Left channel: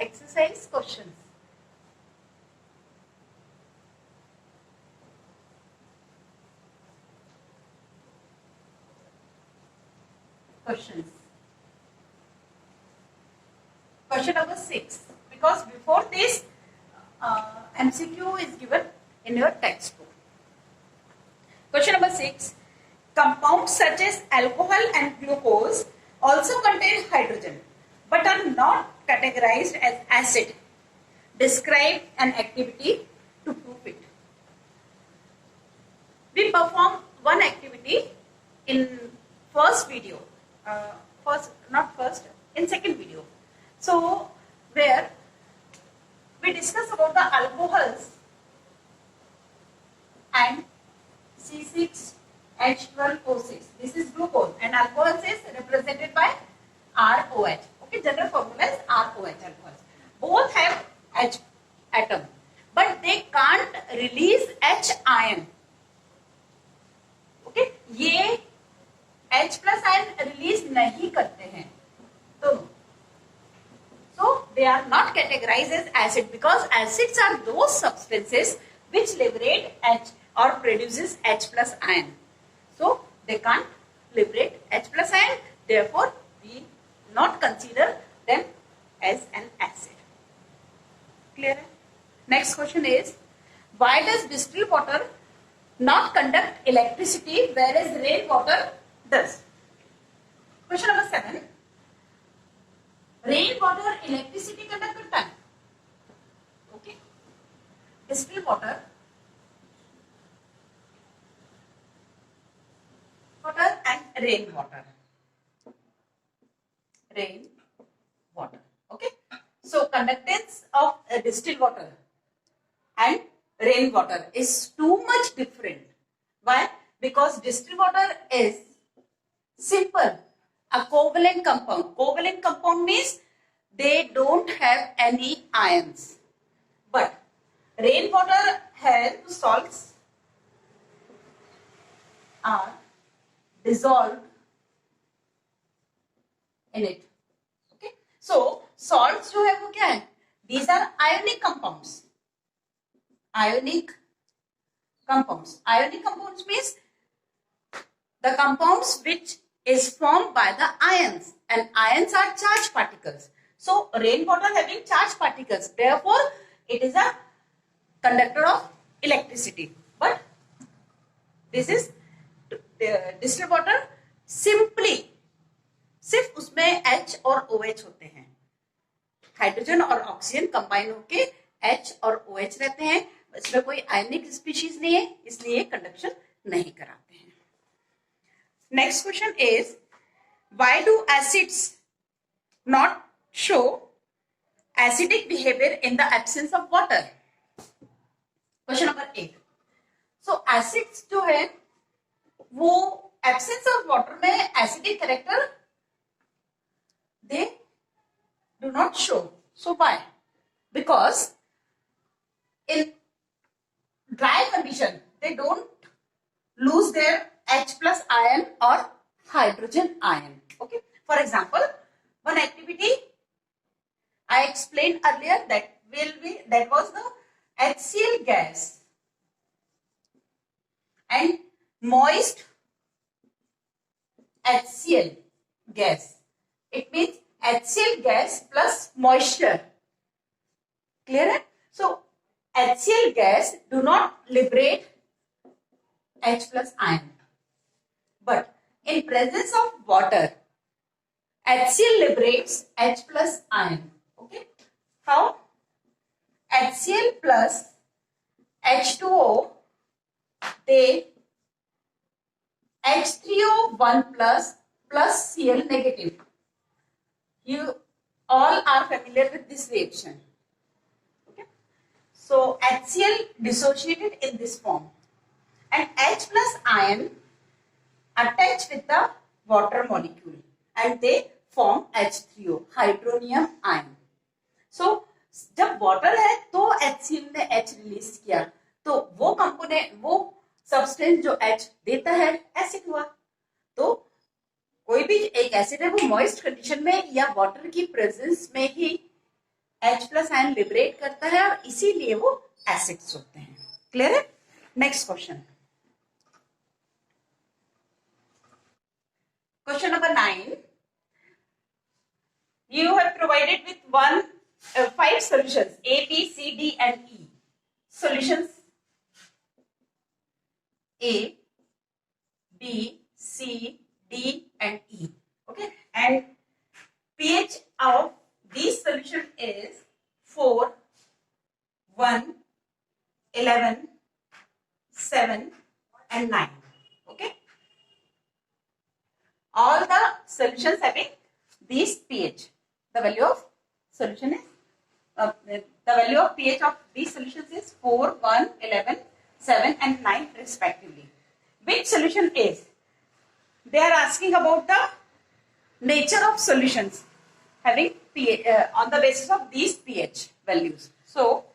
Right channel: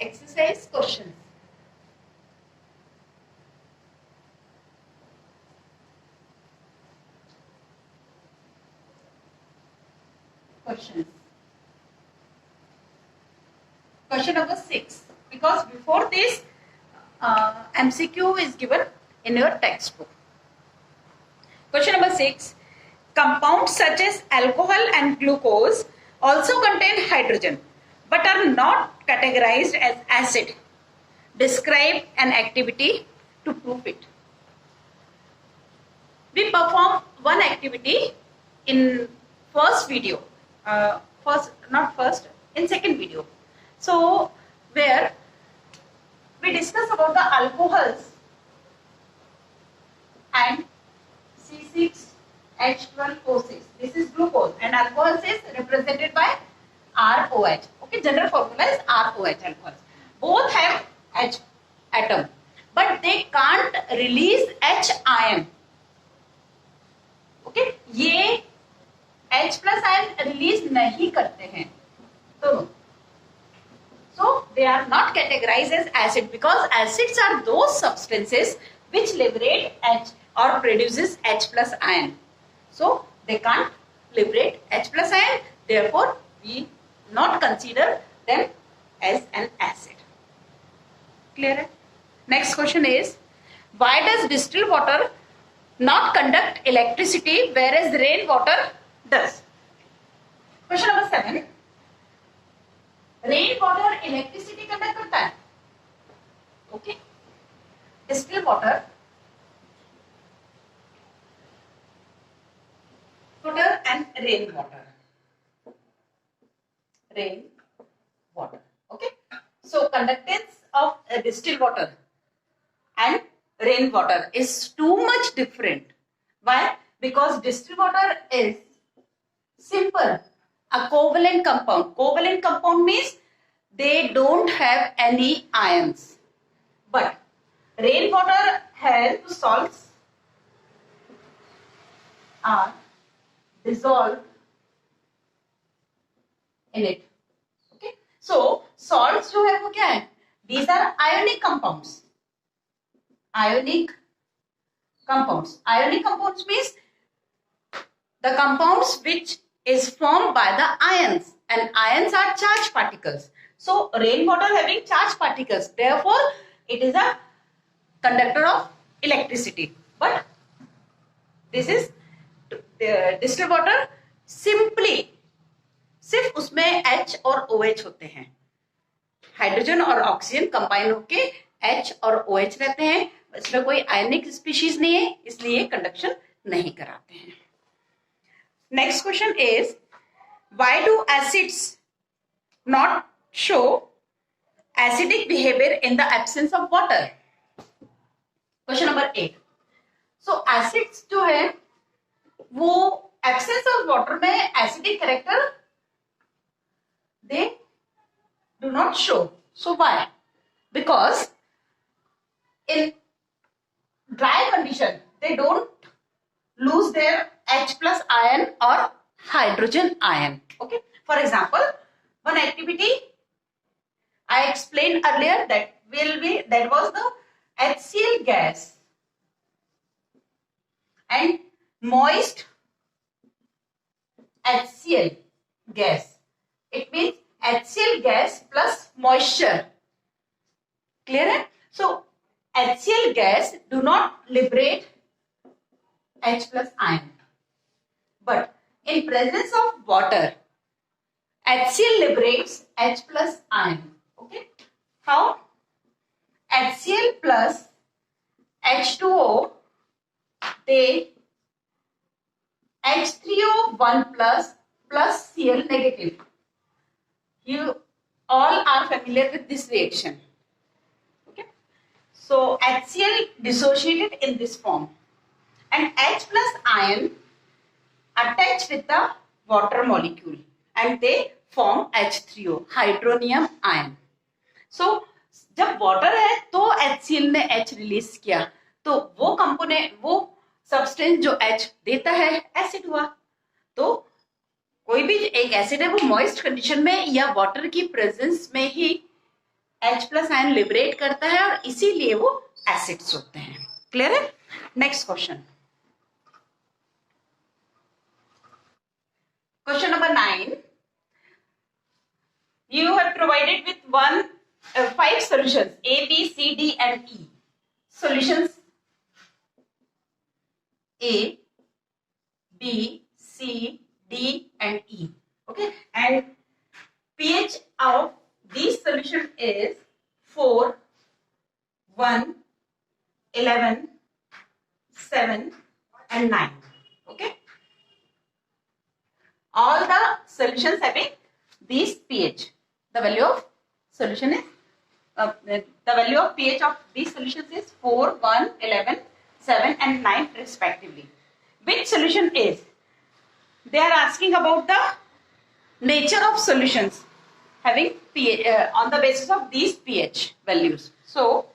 exercise questions. Question number 6. Because before this, MCQ is given in your textbook. Question number 6. Compounds such as alcohol and glucose also contain hydrogen but are not categorized as acid. Describe an activity to prove it. We perform one activity in first video. In second video. So, where we discuss about the alcohols and C6H12O6. This is glucose and alcohols is represented by ROH. Okay, general formula is ROH alcohols. Both have H atom, but they can't release H ion. Okay, ये H plus ion release नहीं करते हैं दोनों. So they are not categorized as acid because acids are those substances which liberate H or produces H plus ion. So they can't liberate H plus ion. Therefore, we not consider them as an acid. Clear? Next question is, why does distilled water not conduct electricity whereas rainwater does? Question number 7. Rainwater electricity conduct करता है. Okay. Distilled water and rainwater. Okay. So conductance of distilled water and rainwater is too much different. Why? Because distilled water is simple, a covalent compound. Covalent compound means they don't have any ions. But rainwater has salts are dissolved in it. Okay. So salts जो है वो क्या है? These are ionic compounds. Ionic compounds means the compounds which is formed by the ions, and ions are charged particles. So rainwater having charged particles, therefore it is a conductor of electricity. But this is distilled water simply सिर्फ उसमें H और OH होते हैं. हाइड्रोजन और oxygen combine होके H और OH रहते हैं. इसमें कोई आयनिक स्पीशीज नहीं है, इसलिए कंडक्शन नहीं कराते हैं. Next question is, why do acids not show acidic behaviour in the absence of water? Question number 8. सो एसिड्स जो है वो एब्सेंस ऑफ वाटर में acidic character they do not show. So why? Because in dry condition they don't lose their H plus ion or hydrogen ion. Okay. For example, one activity I explained earlier that was the HCl gas and moist HCl gas. It means HCl gas plus moisture. Clear? So HCl gas do not liberate H plus ion. But in presence of water, HCl liberates H plus ion. Okay? How? HCl plus H2O, they H3O1 plus Cl negative. You all are familiar with this reaction. Okay? So HCl dissociated in this form and H plus ion attached with the water molecule and they form H3O, hydronium ion. So जब वाटर है तो HCl ने H release किया तो वो कंपोनेंट, वो सब्सटेंस जो H देता है एसिड हुआ. तो कोई भी एक एसिड है वो मॉइस्ट कंडीशन में या वाटर की प्रेजेंस में ही H प्लस आयन लिबरेट करता है और इसीलिए वो एसिड्स होते हैं. क्लियर है? Next question. Question number 9. You are provided with 5 solutions A, B, C, D and E. Solutions A, B, C, D and E. Okay, and pH of these solution is 4, 1, 11, 7 and 9. Okay, all the solutions having these pH. The value of solution is the value of pH of these solutions is 4, 1, 11, 7 and 9 respectively. Which solution is? They are asking about the nature of solutions having pH on the basis of these pH values. So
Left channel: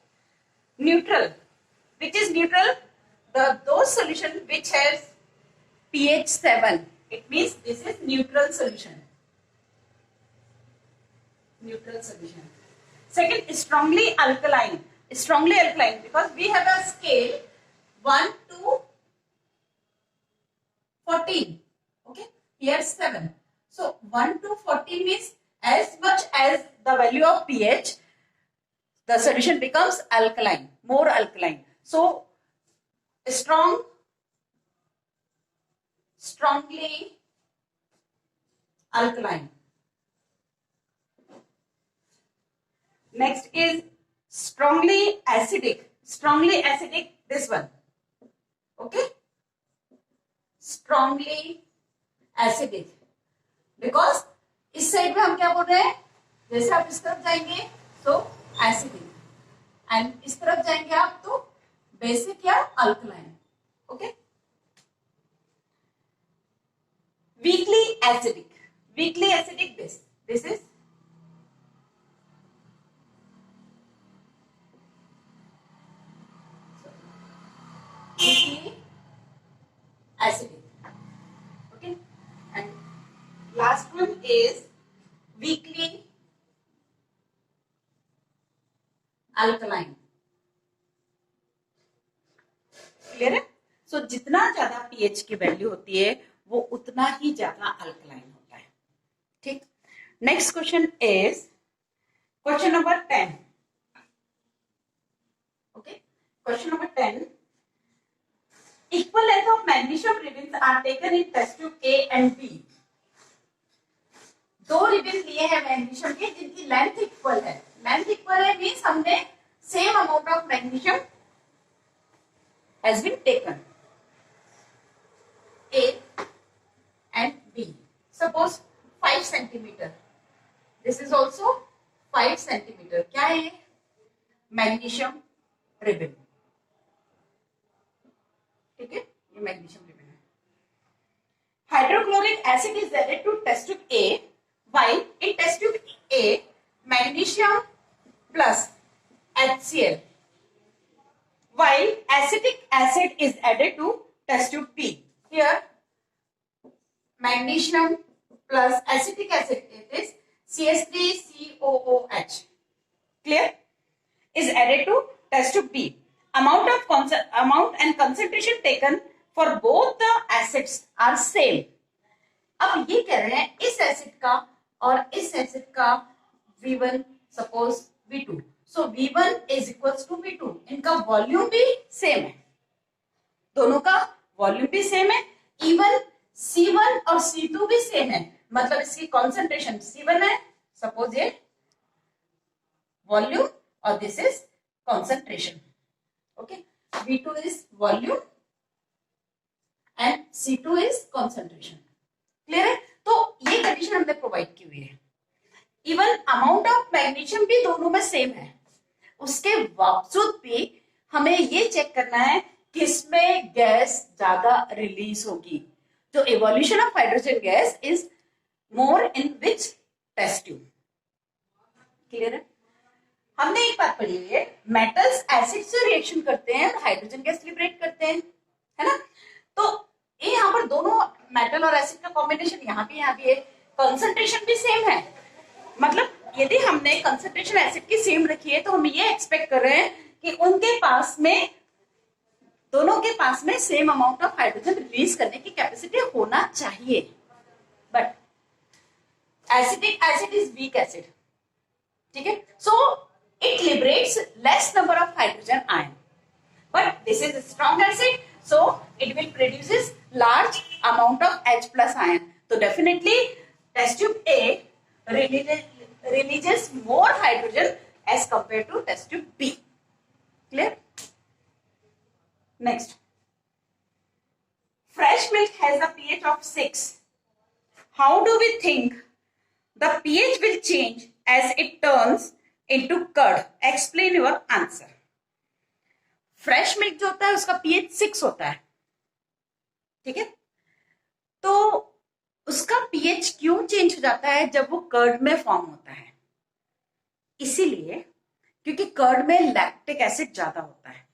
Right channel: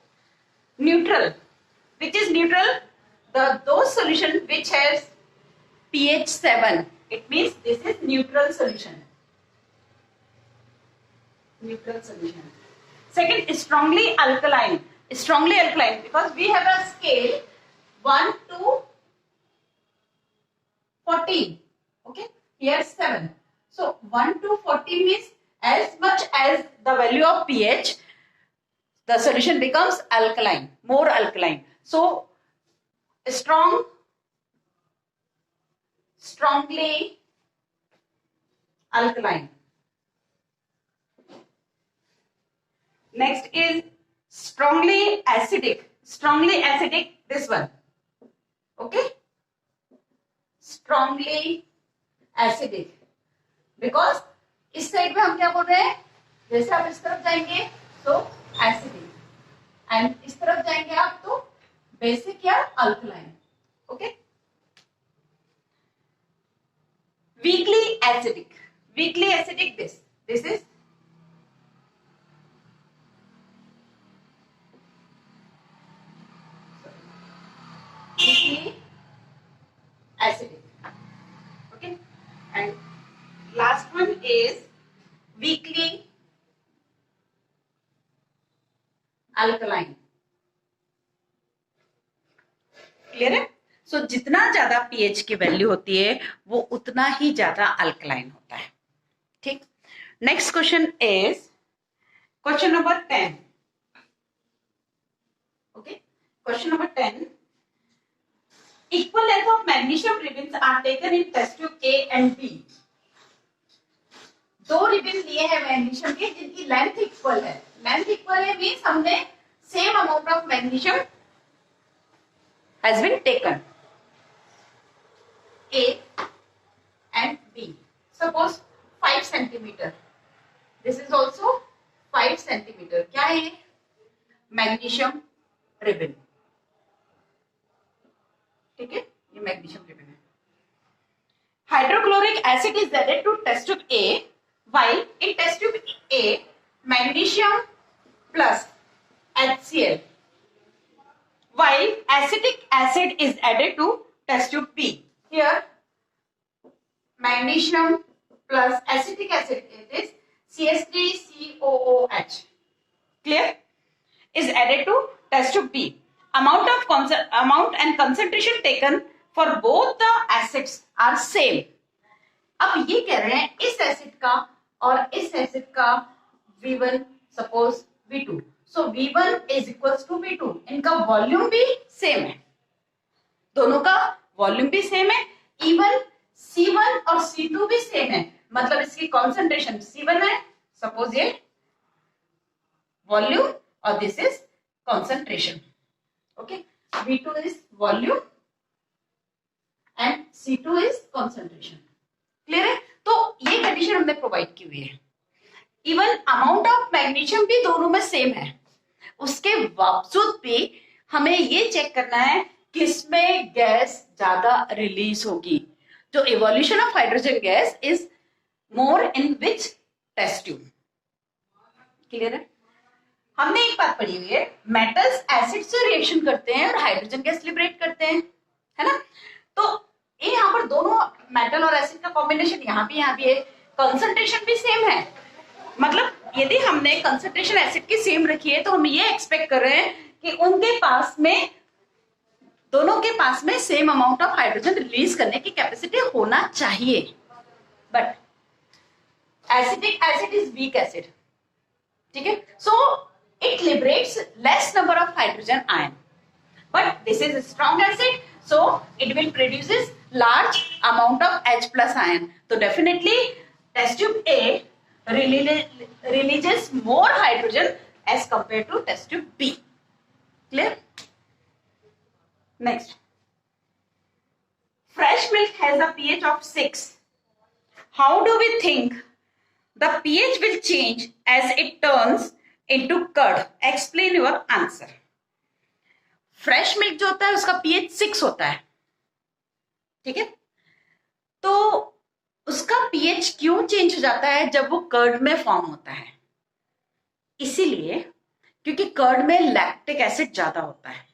neutral. Which is neutral? Those solution which has pH 7. It means this is neutral solution. Neutral solution. Second, strongly alkaline. Strongly alkaline because we have a scale 1 to 14. Okay, here 7. So 1 to 14 means as much as the value of pH, the solution becomes alkaline, more alkaline. So strongly alkaline. Next is strongly acidic. Strongly acidic, this one. Okay, strongly acidic because इस साइड में हम क्या बोल रहे हैं, जैसे आप इस तरफ जाएंगे तो एसिडिक एंड इस तरफ जाएंगे आप तो बेसिक या alkaline. Okay, weakly acidic. Weakly acidic this is weakly acidic. Okay, and last one is weakly alkaline. Clear है? सो जितना ज्यादा पीएच की वैल्यू होती है वो उतना ही ज्यादा अल्कलाइन होता है. ठीक. Next question is question number 10. Okay, question number 10. Equal length of magnesium ribbons are taken in test tube A and B. दो रिबन लिए हैं मैग्नीशियम के जिनकी लेंथ इक्वल है. लेंथ इक्वल है मींस हमने same amount of magnesium has been taken A and B. Suppose 5 centimeter. This is also 5 centimeter. क्या है? Magnesium ribbon. ठीक है, ये मैग्नीशियम रिबन है. Hydrochloric acid is added to test tube A, while in test tube A magnesium plus HCl, while acetic acid is added to test tube B. Here magnesium plus acetic acid, it is CH3COOH. Clear? Is added to test tube B. Amount and concentration taken for both the acids are same. अब ये कह रहे हैं इस acid का और इस acid का V1 suppose V2. So V1 is equals to V2. इनका वॉल्यूम भी सेम है, दोनों का वॉल्यूम भी सेम है. इवन C1 और C2 भी सेम है, मतलब इसकी कॉन्सेंट्रेशन C1 है सपोज ये वॉल्यूम और this is concentration. Okay, V2 is volume and C2 is concentration. Clear है? तो ये कंडीशन हमने प्रोवाइड की हुई है. इवन अमाउंट ऑफ मैग्नीशियम भी दोनों में सेम है, उसके बावजूद भी हमें ये चेक करना है किसमें गैस ज्यादा रिलीज होगी. जो evolution of hydrogen gas is more in which test tube. Clear है? हमने एक बात पढ़ी हुई है, मेटल्स एसिड से रिएक्शन करते हैं और हाइड्रोजन गैस लिबरेट करते हैं, है ना. तो यहाँ पर दोनों मेटल और एसिड का कॉम्बिनेशन यहाँ भी है, कंसंट्रेशन भी सेम है, मतलब यदि हमने कंसंट्रेशन एसिड की सेम रखी है तो हम ये एक्सपेक्ट कर रहे हैं कि उनके पास में, दोनों के पास में same amount of hydrogen release करने की कैपेसिटी होना चाहिए. But acidic acid is weak acid. ठीक है, so it liberates less number of hydrogen ion, but this is strong acid, so it will produces large amount of H plus ion. So definitely test tube A releases more hydrogen as compared to test tube B. Clear? Next, fresh milk has a pH of 6. How do we think the pH will change as it turns into curd? Explain your answer. Fresh milk जो होता है उसका पीएच 6 होता है. ठीक है, तो उसका पीएच क्यों चेंज हो जाता है जब वो कर्ड में फॉर्म होता है? इसीलिए क्योंकि कर्ड में लैक्टिक एसिड ज्यादा होता है.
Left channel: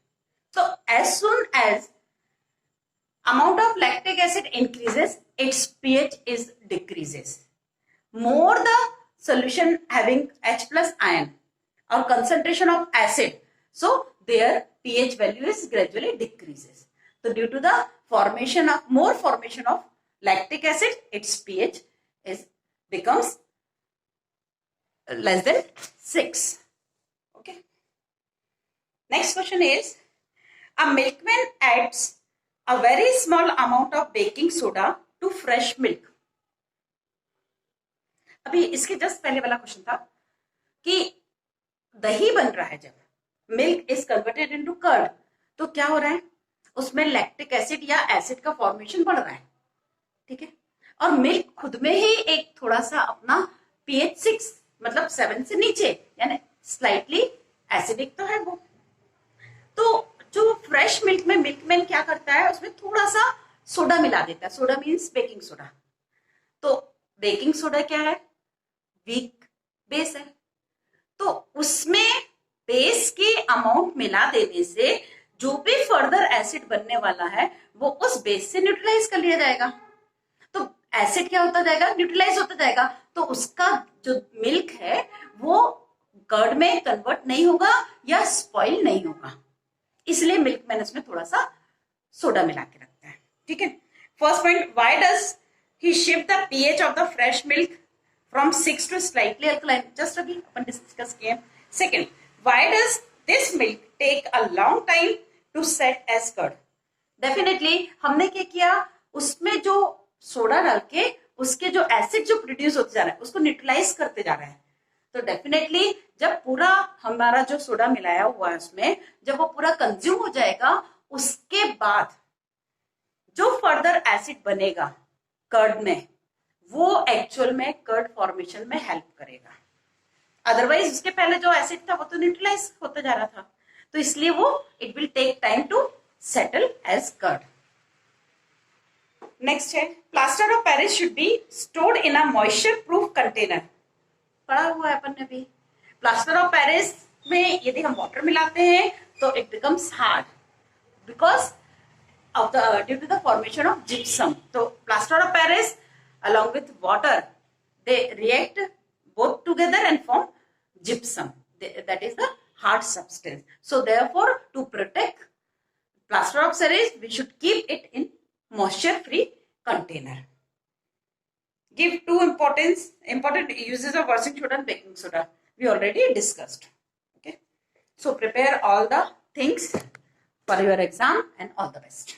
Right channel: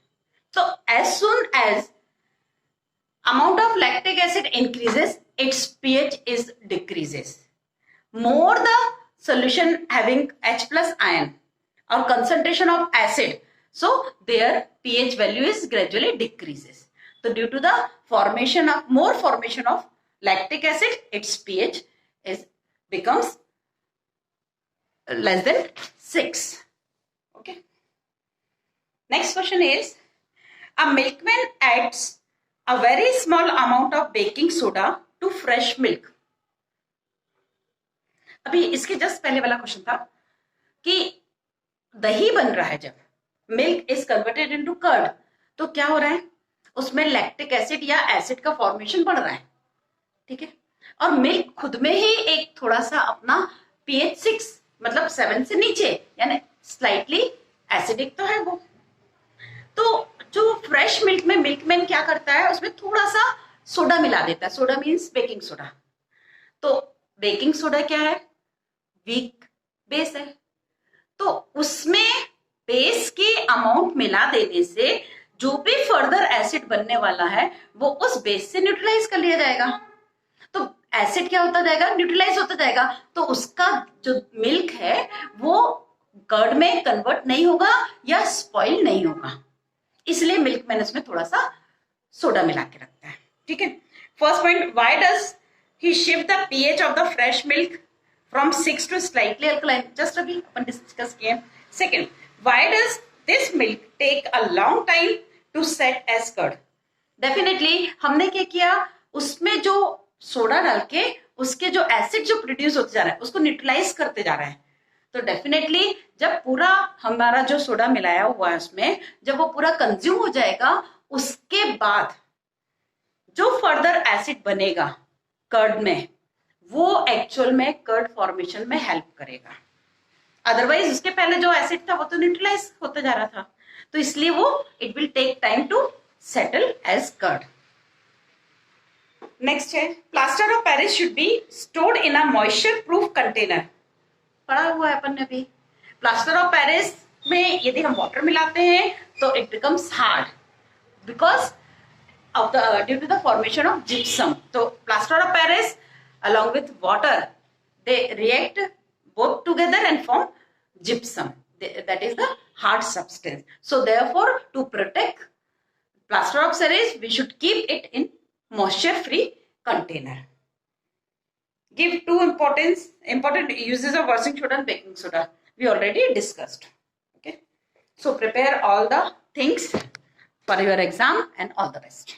तो as soon as amount of lactic acid increases, its pH is decreases. More the solution having H plus ion or concentration of acid, so their pH value is gradually decreases. So due to the more formation of lactic acid, its pH becomes less than 6. Okay. Next question is, a milkman adds a very small amount of baking soda to fresh milk. अभी इसके जस्ट पहले वाला क्वेश्चन था कि दही बन रहा है, जब milk is converted into curd, तो क्या हो रहा है, उसमें लैक्टिक एसिड या एसिड का फॉर्मेशन बढ़ रहा है. ठीक है, और मिल्क खुद में ही एक थोड़ा सा अपना पीएच 6 मतलब 7 से नीचे, यानी स्लाइटली एसिडिक तो है वो. तो जो फ्रेश मिल्क में मिल्कमैन क्या करता है, उसमें थोड़ा सा सोडा मिला देता है. Soda means baking soda. तो बेकिंग सोडा क्या है, वीक बेस है. तो उसमें बेस के अमाउंट मिला देने से जो भी फर्दर एसिड बनने वाला है वो उस बेस से न्यूट्रलाइज कर लिया जाएगा. तो एसिड क्या होता जाएगा, न्यूट्रलाइज होता जाएगा. तो उसका जो मिल्क है वो कर्ड में कन्वर्ट नहीं होगा या स्पॉइल नहीं होगा. इसलिए मिल्क मैन इसमें थोड़ा सा सोडा मिला के रखता है. ठीक है, first point, why does he shift the pH of the fresh milk from 6 to slightly alkaline? Just अभी अपन डिस्कस किए. Second, why does this milk take a long time to set as curd? Definitely हमने क्या किया, उसमें जो सोडा डाल के उसके जो एसिड जो प्रोड्यूस होते जा रहा है उसको न्यूट्रलाइज करते जा रहा है. तो डेफिनेटली जब पूरा हमारा जो सोडा मिलाया हुआ है उसमें जब वो पूरा कंज्यूम हो जाएगा, उसके बाद जो फर्दर एसिड बनेगा कर्ड में वो एक्चुअल में कर्ड फॉर्मेशन में हेल्प करेगा. अदरवाइज उसके पहले जो एसिड था वो तो न्यूट्रलाइज होता जा रहा था. तो इसलिए वो it will take time to settle as curd. Next है, plaster of Paris should be stored in a moisture proof container. पढ़ा हुआ है अपन ने भी. प्लास्टर ऑफ पेरिस में यदि हम वाटर मिलाते हैं तो it becomes hard because of the due to the formation of gypsum. तो plaster of Paris along with water, they react both together and form gypsum. That is the hard substance. So therefore, to protect plaster of Paris, we should keep it in moisture free container. Give two important uses of washing soda and baking soda. We already discussed. Okay, so prepare all the things for your exam and all the best.